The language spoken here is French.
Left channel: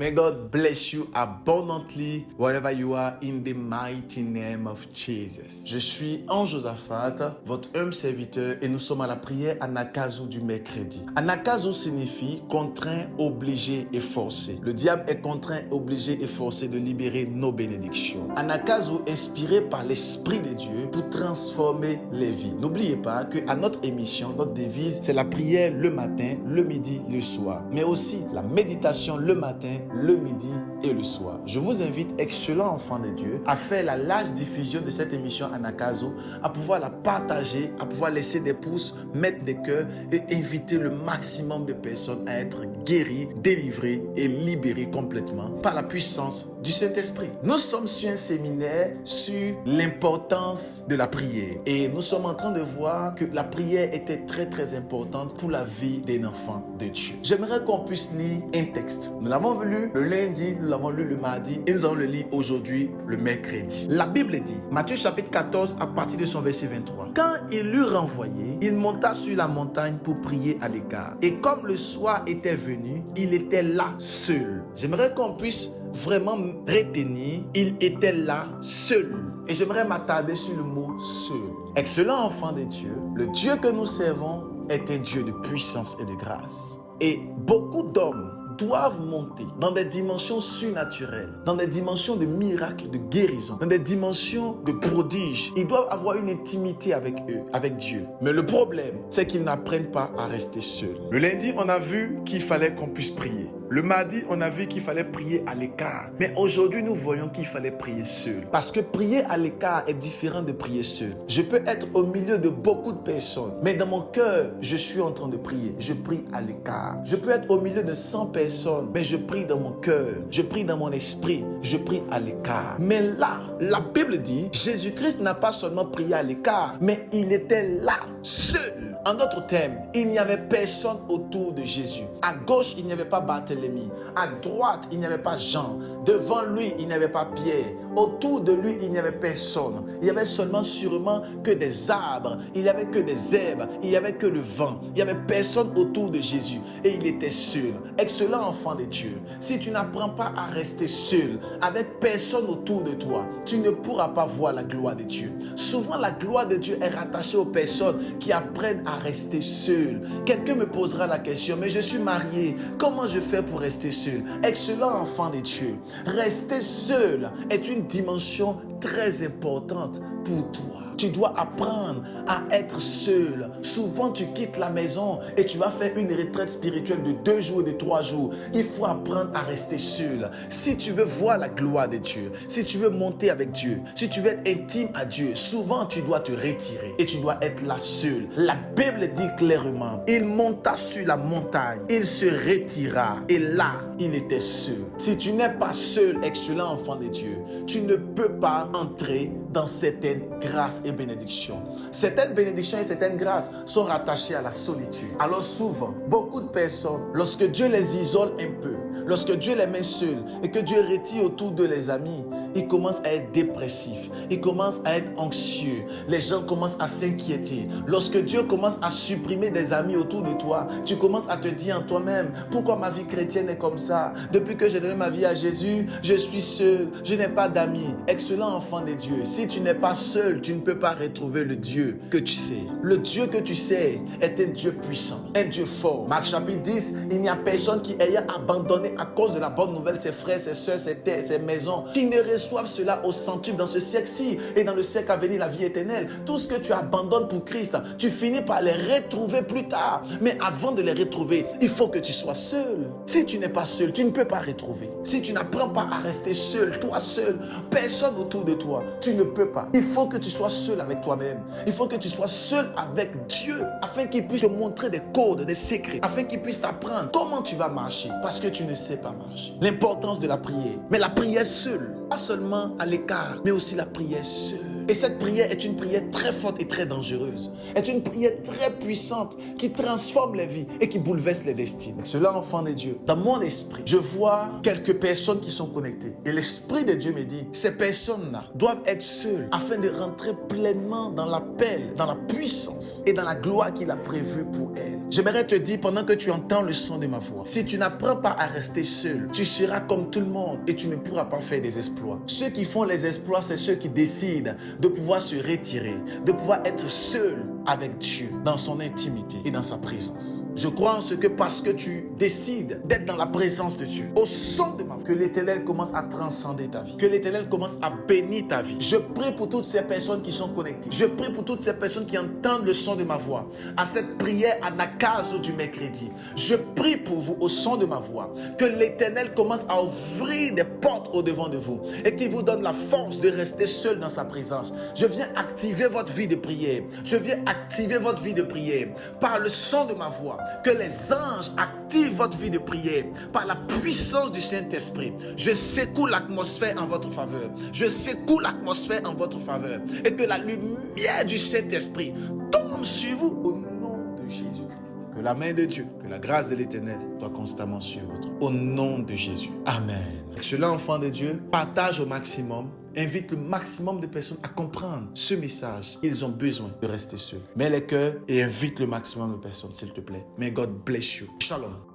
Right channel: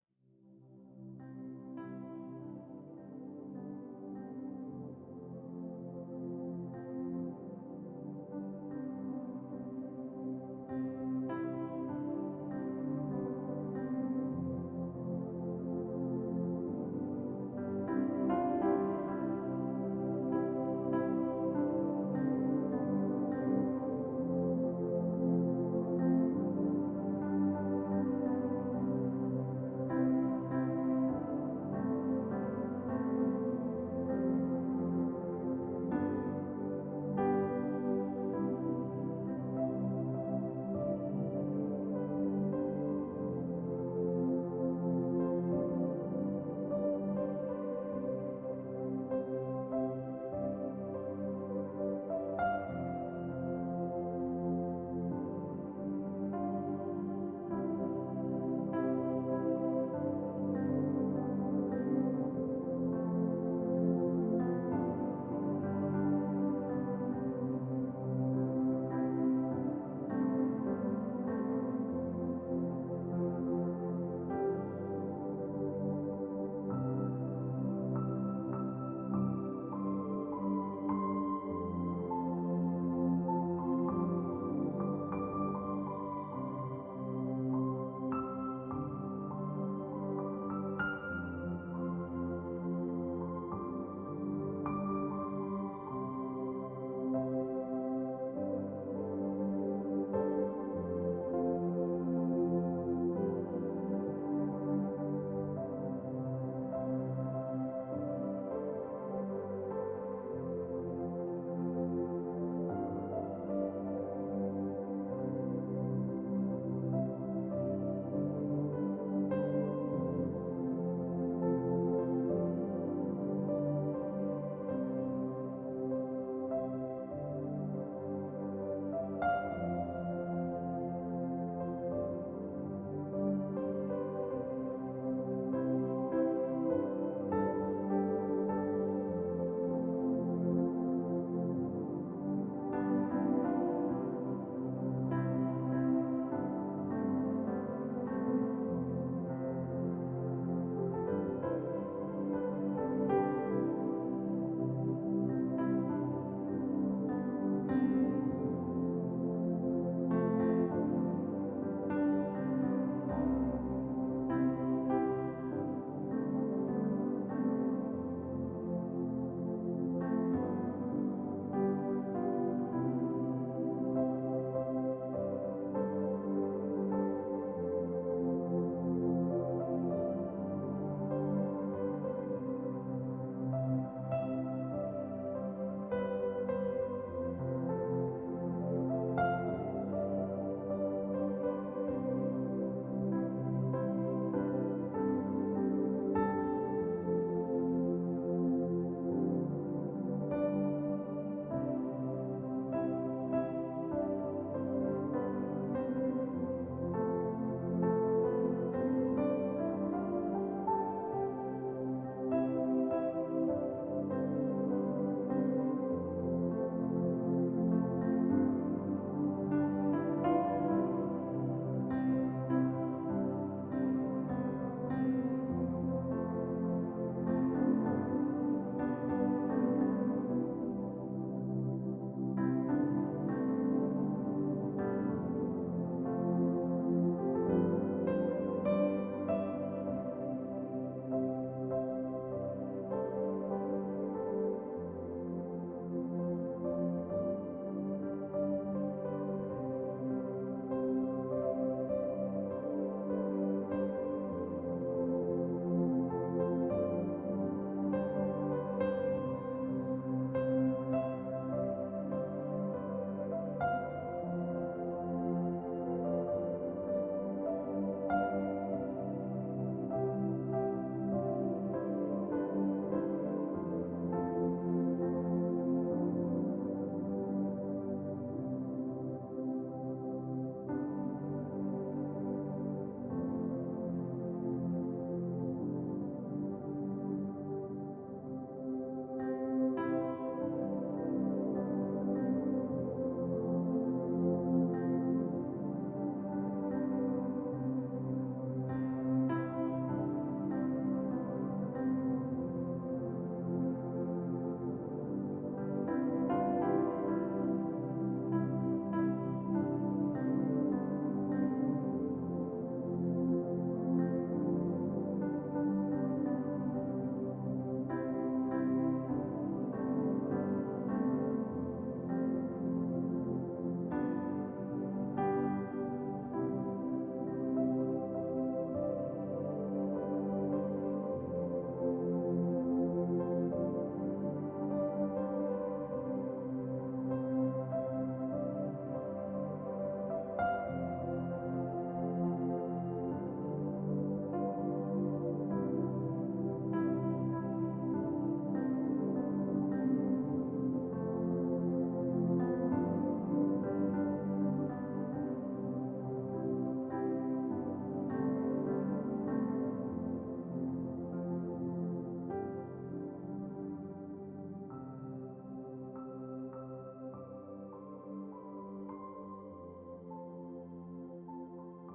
May God bless you abundantly wherever you are in the mighty name of Jesus. Je suis Anne-Josaphat, votre humble serviteur, et nous sommes à la prière Anagkazo du mercredi. Anagkazo signifie contraint, obligé et forcé. Le diable est contraint, obligé et forcé de libérer nos bénédictions. Anagkazo inspiré par l'Esprit de Dieu pour transformer les vies. N'oubliez pas qu'à notre émission, notre devise, c'est la prière le matin, le midi, le soir. Mais aussi la méditation le matin, le midi et le soir. Je vous invite, excellents enfants de Dieu, à faire la large diffusion de cette émission Anagkazo, à pouvoir la partager, à pouvoir laisser des pouces, mettre des cœurs et inviter le maximum de personnes à être guéries, délivrées et libérées complètement par la puissance du Saint-Esprit. Nous sommes sur un séminaire sur l'importance de la prière et nous sommes en train de voir que la prière était très importante pour la vie d'un enfant de Dieu. J'aimerais qu'on puisse lire un texte. Nous l'avons lu le lundi, nous l'avons lu le mardi et nous allons le lire aujourd'hui, le mercredi. La Bible dit, Matthieu chapitre 14 à partir de son verset 23. Quand il l'eut renvoyé, il monta sur la montagne pour prier à l'écart. Et comme le soir était venu, il était là seul. J'aimerais qu'on puisse vraiment retenir, il était là seul. Et j'aimerais m'attarder sur le mot seul. Excellent enfant de Dieu, le Dieu que nous servons est un Dieu de puissance et de grâce. Et beaucoup d'hommes doivent monter dans des dimensions surnaturelles, dans des dimensions de miracles, de guérison, dans des dimensions de prodiges. Ils doivent avoir une intimité avec eux, avec Dieu. Mais le problème, c'est qu'ils n'apprennent pas à rester seuls. Le lundi, on a vu qu'il fallait qu'on puisse prier. Le mardi, on a vu qu'il fallait prier à l'écart. Mais aujourd'hui, nous voyons qu'il fallait prier seul. Parce que prier à l'écart est différent de prier seul. Je peux être au milieu de beaucoup de personnes, mais dans mon cœur, je suis en train de prier. Je prie à l'écart. Je peux être au milieu de 100 personnes, mais je prie dans mon cœur. Je prie dans mon esprit. Je prie à l'écart. Mais là, la Bible dit, Jésus-Christ n'a pas seulement prié à l'écart, mais il était là, seul. En d'autres termes, il n'y avait personne autour de Jésus. À gauche, il n'y avait pas Barthélemy. À droite, il n'y avait pas Jean. Devant lui, il n'y avait pas Pierre. Autour de lui, il n'y avait personne. Il y avait seulement sûrement que des arbres. Il n'y avait que des herbes. Il n'y avait que le vent. Il n'y avait personne autour de Jésus. Et il était seul. Excellent enfant de Dieu. Si tu n'apprends pas à rester seul, avec personne autour de toi, tu ne pourras pas voir la gloire de Dieu. Souvent, la gloire de Dieu est rattachée aux personnes qui apprennent à rester seules. Quelqu'un me posera la question, mais je suis marié. Comment je fais pour rester seul? Excellent enfant de Dieu. Rester seul est une dimension très importante pour toi. Tu dois apprendre à être seul. Souvent, tu quittes la maison et tu vas faire une retraite spirituelle de 2 jours, de 3 jours. Il faut apprendre à rester seul. Si tu veux voir la gloire de Dieu, si tu veux monter avec Dieu, si tu veux être intime à Dieu, souvent tu dois te retirer et tu dois être là seul. La Bible dit clairement, il monta sur la montagne, il se retira et là, il était seul. Si tu n'es pas seul, excellent enfant de Dieu, tu ne peux pas entrer dans certaines grâces et bénédictions. Certaines bénédictions et certaines grâces sont rattachées à la solitude. Alors souvent, beaucoup de personnes, lorsque Dieu les isole un peu, lorsque Dieu les met seuls et que Dieu retire autour de les amis, ils commencent à être dépressifs, ils commencent à être anxieux, les gens commencent à s'inquiéter. Lorsque Dieu commence à supprimer des amis autour de toi, tu commences à te dire en toi-même, pourquoi ma vie chrétienne est comme ça? Depuis que j'ai donné ma vie à Jésus, je suis seul, je n'ai pas d'amis. Excellent enfant de Dieu, si tu n'es pas seul, tu ne peux pas retrouver le Dieu que tu sais. Le Dieu que tu sais est un Dieu puissant, un Dieu fort. Marc chapitre 10, il n'y a personne qui ayant abandonné à cause de la bonne nouvelle ses frères, ses soeurs, ses terres, ses maisons, qui ne reçoivent cela au centuple dans ce siècle-ci et dans le siècle à venir, la vie éternelle. Tout ce que tu abandonnes pour Christ, tu finis par les retrouver plus tard. Mais avant de les retrouver, il faut que tu sois seul. Si tu n'es pas seul, tu ne peux pas retrouver. Si tu n'apprends pas à rester seul, toi seul, personne autour de toi, tu ne peux pas. Il faut que tu sois seul avec toi-même. Il faut que tu sois seul avec Dieu afin qu'il puisse te montrer des codes, des secrets, afin qu'il puisse t'apprendre comment tu vas marcher parce que tu ne sais pas marcher. L'importance de la prière. Mais la prière seule, pas seulement à l'écart, mais aussi la prière seule. Et cette prière est une prière très forte et très dangereuse. Est une prière très puissante qui transforme les vies et qui bouleverse les destinées. Cela, enfant de Dieu, dans mon esprit, je vois quelques personnes qui sont connectées. Et l'Esprit de Dieu me dit, ces personnes-là doivent être seules afin de rentrer pleinement dans l'appel, dans la puissance et dans la gloire qu'il a prévue pour elles. J'aimerais te dire pendant que tu entends le son de ma voix, si tu n'apprends pas à rester seul, tu seras comme tout le monde et tu ne pourras pas faire des exploits. Ceux qui font les exploits, c'est ceux qui décident de pouvoir se retirer, de pouvoir être seul avec Dieu dans son intimité et dans sa présence. Je crois en ce que parce que tu décides d'être dans la présence de Dieu, au son de ma voix, que l'Éternel commence à transcender ta vie, que l'Éternel commence à bénir ta vie. Je prie pour toutes ces personnes qui sont connectées. Je prie pour toutes ces personnes qui entendent le son de ma voix à cette prière à Nakazo du mercredi. Je prie pour vous au son de ma voix, que l'Éternel commence à ouvrir des portes au devant de vous et qu'il vous donne la force de rester seul dans sa présence. Je viens activer votre vie de prière. Je viens activer votre vie de prière par le son de ma voix. Que les anges activent votre vie de prière par la puissance du Saint-Esprit. Je secoue l'atmosphère en votre faveur. Je secoue l'atmosphère en votre faveur. Et que la lumière du Saint-Esprit tombe sur vous au nom de Jésus-Christ. Que la main de Dieu, que la grâce de l'Éternel soit constamment sur vous. Au nom de Jésus. Amen. Cela, enfant de Dieu, partage au maximum. Invite le maximum de personnes à comprendre ce message. Ils ont besoin de rester seuls. Mets les cœurs et invite le maximum de personnes, s'il te plaît. May God bless you. Shalom.